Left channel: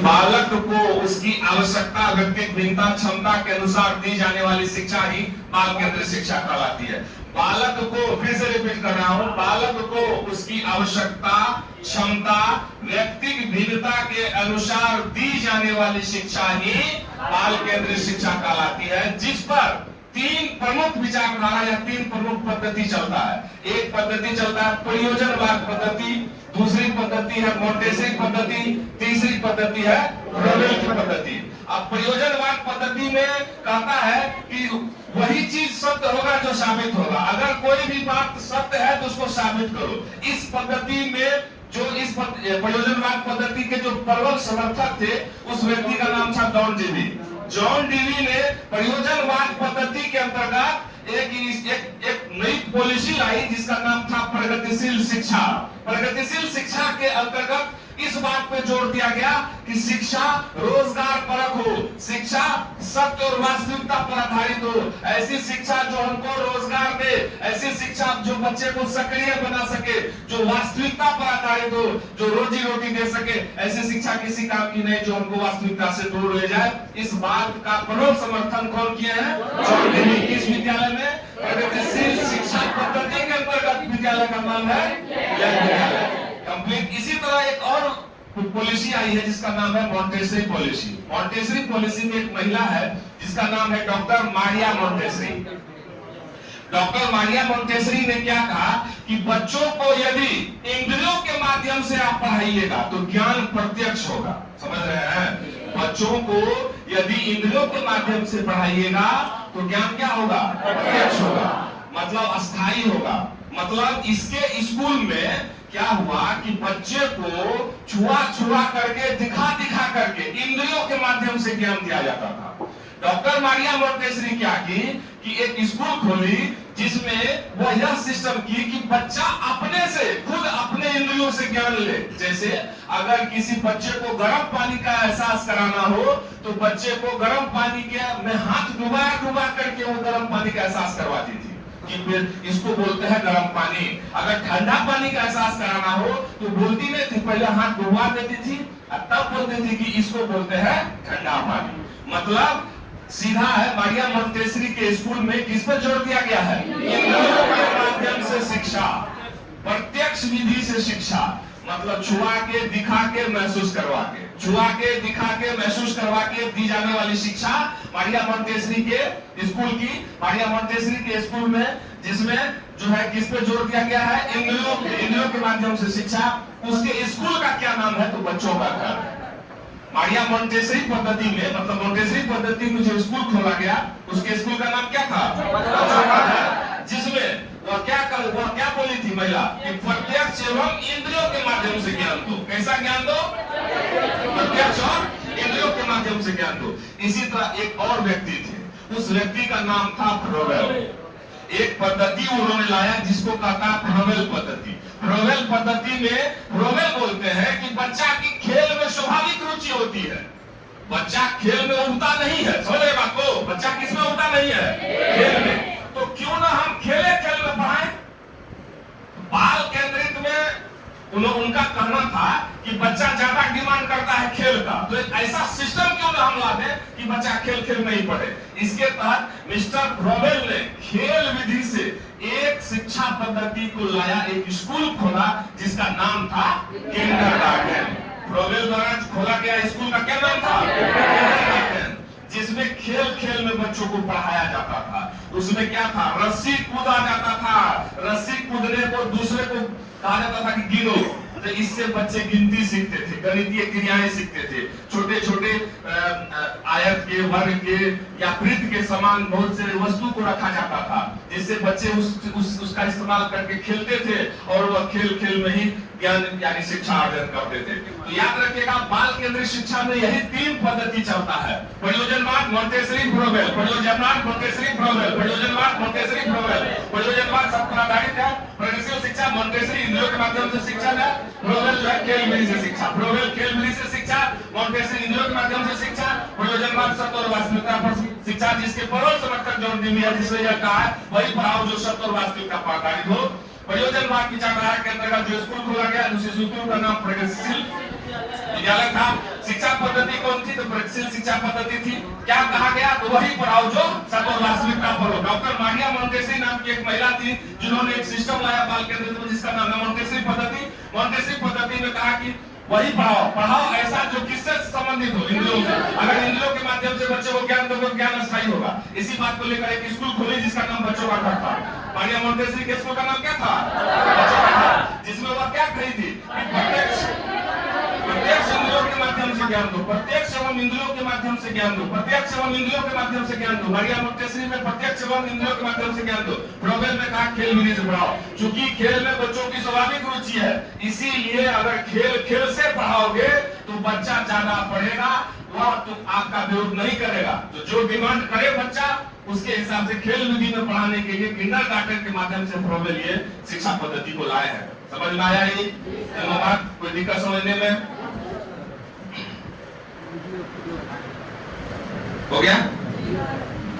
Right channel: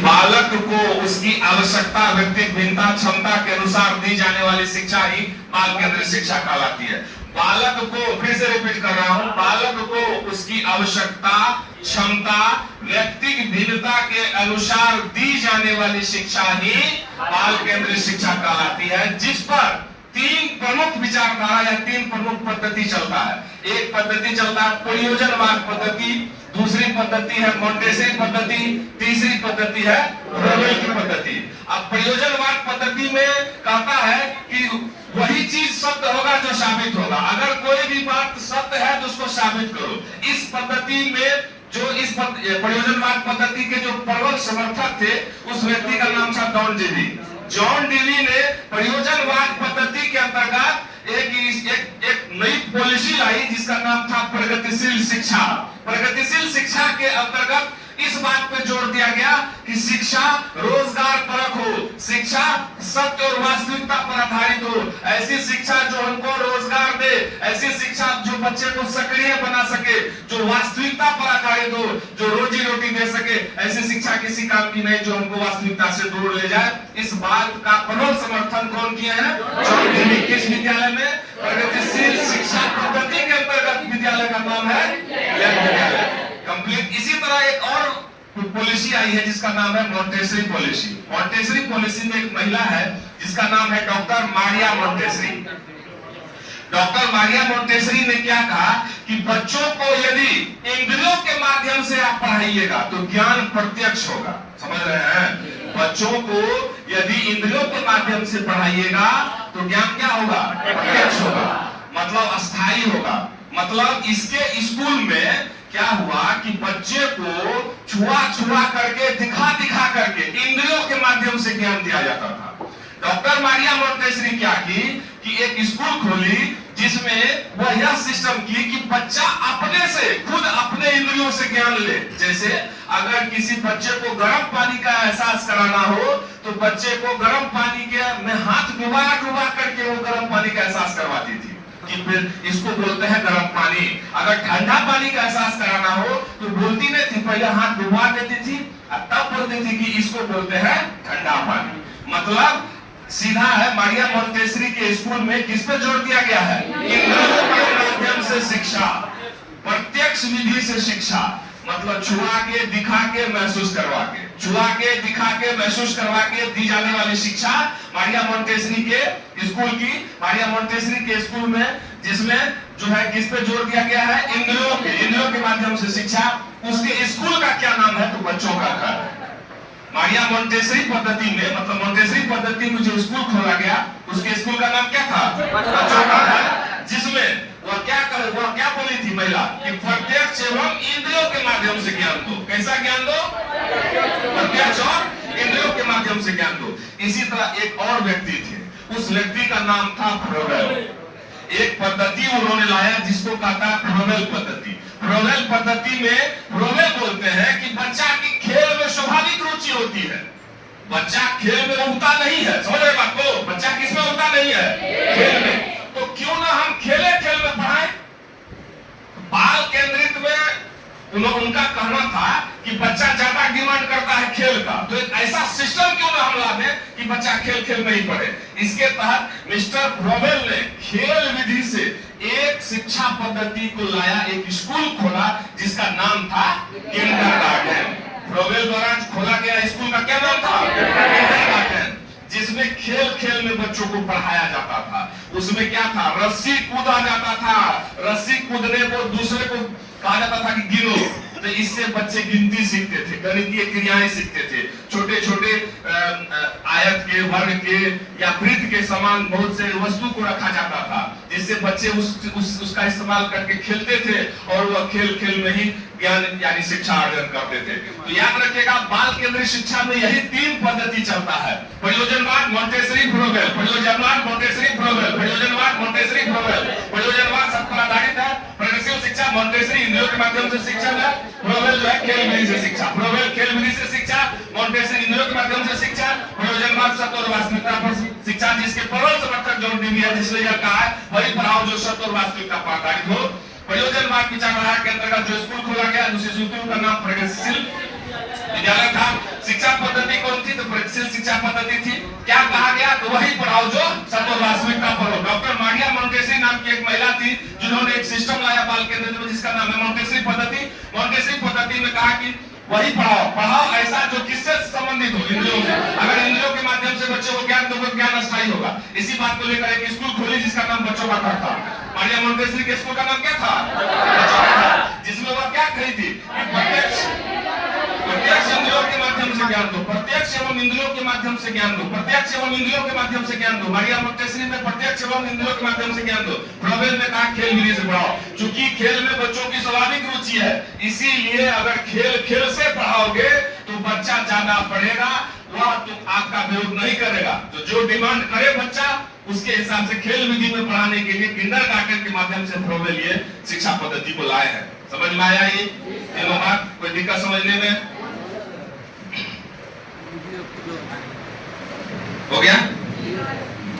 बालक को उसकी आवश्यकता, व्यक्तिगत भिन्नता, क्षमता के अनुसार दी जाने वाली शिक्षा ही बाल केंद्रित शिक्षा कहलाती है। बालक को, फिर से रिपीट कर रहा हूं, बालक को उसकी आवश्यकता, क्षमता, व्यक्तिगत भिन्नता के अनुसार दी जाने वाली शिक्षा ही बाल केंद्रित शिक्षा कहलाती है, जिस पर तीन प्रमुख विचारधारा या तीन प्रमुख पद्धति चलता है। एक पद्धति चलता है प्रयोजनवाद पद्धति, दूसरी पद्धति है मोंटेसरी पद्धति, तीसरी पद्धति है फ्रोबेल की पद्धति। अब प्रयोजनवाद पद्धति में कहता है कि वही चीज सत्य होगा जो साबित होगा। अगर कोई भी बात सत्य है तो उसको साबित करो। इस पद्धति में जो इस प्रयोजनवाद पद्धति के जो प्रबल समर्थक थे, उस व्यक्ति का नाम था जॉन डेवी। जॉन डेवी ने प्रयोजनवाद पद्धति के अंतर्गत एक नई पॉलिसी लाई जिसका नाम था प्रगतिशील शिक्षा। प्रगतिशील शिक्षा के अंतर्गत इस बात पे जोर दिया गया कि शिक्षा रोजगार परक हो, शिक्षा सत्य और वास्तविकता पर आधारित हो, ऐसी शिक्षा जो हमको रोजगार दे, ऐसी शिक्षा जो बच्चे को सक्रिय बना सके, जो वास्तविकता पर आधारित हो, जो रोजी रोटी दे सके। ऐसी शिक्षा किसी काम की नहीं जो हमको वास्तविकता से दूर ले जाए। इस बात का प्रबल समर्थन कौन किया है? John Dewey. किस विद्यालय में? प्रगतिशील शिक्षा पद्धति के अंतर्गत विद्यालय का नाम है यंग विद्यालय कंप्लीट। इसी तरह एक और पॉलिसी आई है जिसका नाम है मोंटेसरी पॉलिसी। मोंटेसरी पॉलिसी में एक महिला है जिसका नाम है doctor Maria Montessori. Doctor Maria Montessori ने क्या कहा कि बच्चों को यदि इंद्रियों के माध्यम से आप पढ़ाइएगा तो ज्ञान प्रत्यक्ष होगा। समझ रहे हैं? बच्चों को यदि इंद्रियों के माध्यम से पढ़ाइएगा तो ज्ञान क्या होगा? प्रत्यक्ष होगा, मतलब अस्थायी होगा। मतलब इसके स्कूल में क्या हुआ कि बच्चे को छुआ करके, दिखा करके, इंद्रियों के माध्यम से ज्ञान दिया जाता था। डॉक्टर मारिया मोंटेसरी क्या की कि एक स्कूल खोली जिसमें वो यह सिस्टम की कि बच्चा अपने से, खुद अपने इंद्रियों से ज्ञान ले। जैसे अगर किसी बच्चे को गर्म पानी का एहसास कराना हो तो बच्चे को गर्म पानी के में हाथ डुबा करके वो गर्म पानी का एहसास करवाती थी कि फिर इसको बोलते हैं गर्म पानी। अगर ठंडा पानी का एहसास कराना हो तो बोलती नहीं थी, पहले हाथ डुबा देती थी और तब बोलती थी कि इसको बोलते हैं ठंडा पानी। मतलब सीधा है, मारिया मोंटेसरी के स्कूल में किस पर जोर दिया गया है? इंद्रियों के माध्यम से शिक्षा, प्रत्यक्ष विधि से शिक्षा। मतलब छुआ के, दिखा के, महसूस करवा के, छुआ के, दिखा के, महसूस करवा के दी जाने वाली शिक्षा मारिया मोंटेसरी के स्कूल की। मारिया मोंटेसरी के स्कूल में जिसमें जो है किस पे जोर दिया गया है? इंद्रियों के माध्यम से शिक्षा। उसके स्कूल का क्या नाम है? तो बच्चों का घर है। मारिया मोंटेसरी पद्धति में, मतलब मोंटेसरी पद्धति में जो स्कूल खोला गया उसके स्कूल का नाम क्या था? बच्चों का घर। जिसमें वह क्या बोली थी महिला कि प्रत्यक्ष एवं इंद्रियों के माध्यम से ज्ञान दो। कैसा ज्ञान दो? प्रत्यक्ष और इंद्रियों के माध्यम से ज्ञान दो। इसी तरह एक और व्यक्ति थे, उस व्यक्ति का नाम था फ्रोबेल। एक पद्धति उन्होंने लाया जिसको कहता फ्रोबेल पद्धति। फ्रोबेल पद्धति में फ्रोबेल बोलते हैं कि बच्चा की खेल में स्वाभाविक रुचि होती है। बच्चा खेल में उगता नहीं है। समझ रहे बात को? बच्चा किसमें उगता नहीं है? खेल में। तो क्यों ना हम खेल में पढ़ाएं? बाल केंद्रित में उनका कहना था कि बच्चा ज्यादा डिमांड करता है खेल का, तो एक ऐसा सिस्टम क्यों ना हम ला दें कि बच्चा खेल में ही पढ़े। इसके तहत मिस्टर फ्रोबेल ने खेल विधि से एक शिक्षा पद्धति को लाया, एक स्कूल खोला जिसका नाम था किंडरगार्टन। फ्रोबेल द्वारा खोला गया स्कूल का क्या नाम था? किंडरगार्टन। जिसमें खेल में बच्चों को पढ़ाया जाता था। उसमें क्या था? रस्सी कूदा जाता था। रस्सी कूदने को दूसरे को कहा जाता था कि गिनो, तो इससे बच्चे गिनती सीखते थे, गणितीय क्रियाएं सीखते थे। छोटे छोटे आयत के, वर्ग के या वृत्त के समान बहुत से वस्तु को रखा जाता था जिससे बच्चे उसका इस्तेमाल करके खेलते थे और वह खेल में ही ज्ञान यानी शिक्षा अर्जन करते थे। तो याद रखिएगा, बाल केंद्रित शिक्षा में यही तीन पद्धति चलता है: प्रयोजनवाद, मोंटेसरी, फ्रोबेल। प्रयोजनवाद, मोंटेसरी, फ्रोबेल। प्रयोजनवाद, मोंटेसरी, फ्रोबेल। प्रयोजनवाद सब पर आधारित है। प्रगतिशील शिक्षा, मोंटेसरी इंद्रियों के माध्यम से शिक्षा है। फ्रोबेल जो है खेल विधि से शिक्षा। फ्रोबेल खेल विधि से शिक्षा, मोंटेसरी इंद्रियों के माध्यम से शिक्षा, प्रयोजनवाद सत्य और वास्तविकता पर शिक्षा। जिसके प्रबल समर्थक जॉन डेवी है, जिसने यह कहा है वही पढ़ाओ जो सत्य और वास्तविकता पर आधारित हो। प्रयोजनवाद विचारधारा के अंतर्गत जो स्कूल खोला गया उस स्कूल का नाम प्रगतिशील विद्यालय था। शिक्षा पद्धति कौन थी? तो प्रगतिशील शिक्षा पद्धति थी। क्या कहा गया? तो वही पढ़ाओ जो सब वास्तविकता पर हो। डॉक्टर मारिया मोंटेसरी नाम की एक महिला थी जिन्होंने एक सिस्टम लाया बाल केंद्रित में जिसका नाम है मोंटेसरी पद्धति। मोंटेसरी पद्धति में कहा कि वही पढ़ाओ ऐसा जो किससे संबंधित हो, इंद्रियों से। अगर इंद्रियों के माध्यम से बच्चों को ज्ञान दोगे, ज्ञान अस्थायी होगा। इसी बात को लेकर एक स्कूल खोली जिसका नाम बच्चों का घर था। मारिया मोंटेसरी के स्कूल का नाम क्या था? बच्चों का घर। जिसमें वह क्या कही थी? प्रत्यक्ष इंद्रियों के माध्यम से ज्ञान दो, प्रत्यक्ष एवं इंद्रियों के माध्यम से ज्ञान दो, प्रत्यक्ष एवं इंद्रियों के माध्यम से ज्ञान दो। मारिया मोंटेसरी में प्रत्यक्ष एवं इंद्रियों के माध्यम से ज्ञान दो। फ्लोबेल में कहा खेल विधि से पढ़ाओ, क्योंकि खेल में बच्चों की स्वाभाविक रुचि है। इसीलिए अगर खेल से पढ़ाओगे तो बच्चा ज्यादा पढ़ेगा, वह तुम आपका विरोध नहीं करेगा। तो जो डिमांड करे बच्चा उसके हिसाब से खेल विधि में पढ़ाने के लिए किंडरगार्टन के माध्यम से फ्लोबेल ये शिक्षा पद्धति को लाए हैं। समझ में आया? ये तीनों बात, कोई दिक्कत समझने में? हो गया?